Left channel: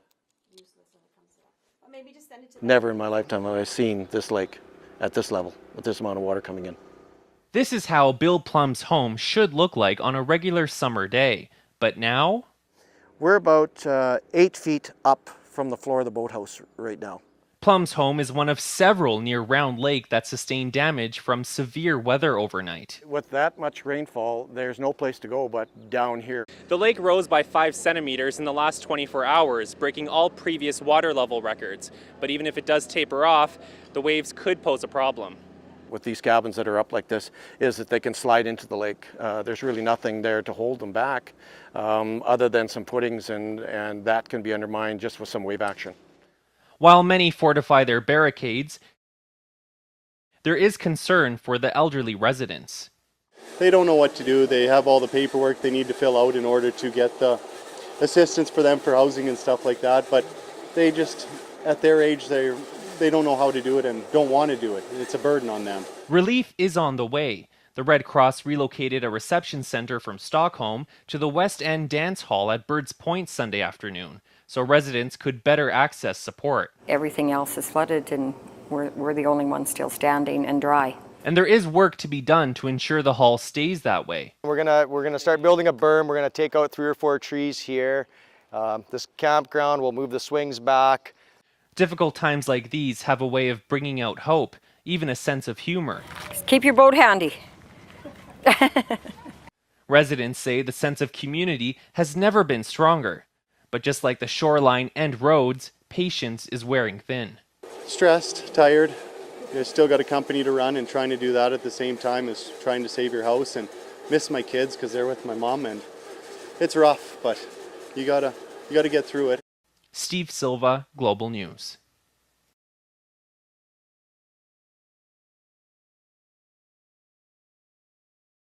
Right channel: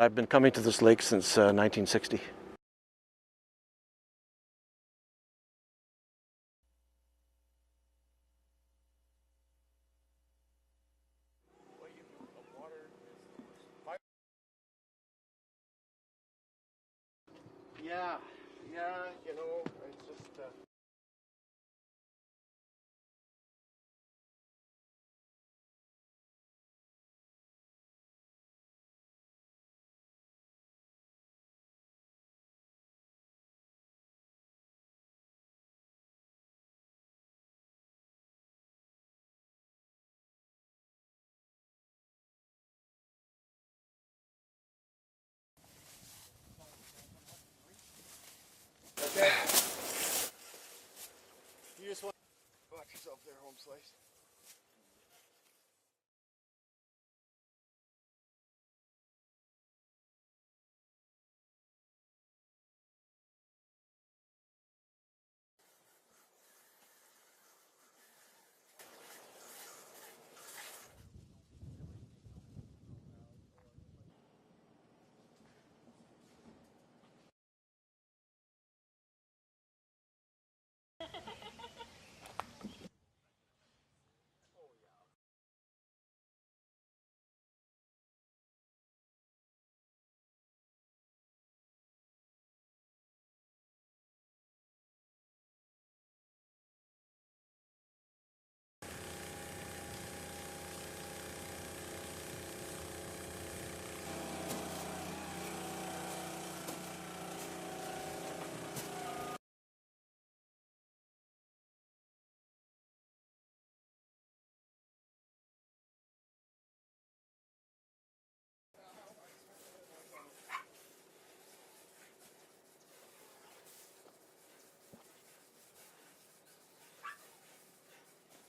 I've been coming to this lake since 1960. Never in my lifetime have I seen this lake at this level, with this amount of water coming in. This is how Bill Plum's home should look like on a regular summer day. But now, We're about 8 feet up from the floor of the boathouse right now. Plum's home is one of several near Round Lake that sustained damage from severe weather overnight. With that much rainfall, there's no place to go but down here. The lake rose by 5 centimeters in the last 24 hours, breaking all previous water level records. But even if it does taper off, the waves could pose a problem. With these cabins that are up like this, is that they can slide into the lake. There's really nothing there to hold them back other than some footings, and that can be undermined just with some wave action. While many fortify their barricades, there is concern for the elderly residents. They don't know what to do. They have all the paperwork they need to fill out in order to get the assistance for them for housing and stuff like that. But they just, at their age, they don't know how to do it and don't want to do it. It's a burden on them. Relief is on the way. The Red Cross relocated a reception center from Stockholm to the West End Dance Hall at Birds Point Sunday afternoon, so residents could better access support. Everything else is flooded and we're the only ones still standing and dry. And there is work to be done to ensure the hall stays that way. We're gonna start building a berm. We're gonna take out 3 or 4 trees here. This campground, we'll move the swings back. Difficult times like these have a way of bringing out hope, even a sense of humor. Just keep your boat handy. Residents say the sense of community has never been stronger. But just like the shoreline and roads, patience is wearing thin. Stressed, tired. You still got a company to run, and trying to do that at the same time as trying to save your house, and miss my kids because they're with my mom, and it's rough, but you gotta get through it. Steve Silva, Global News.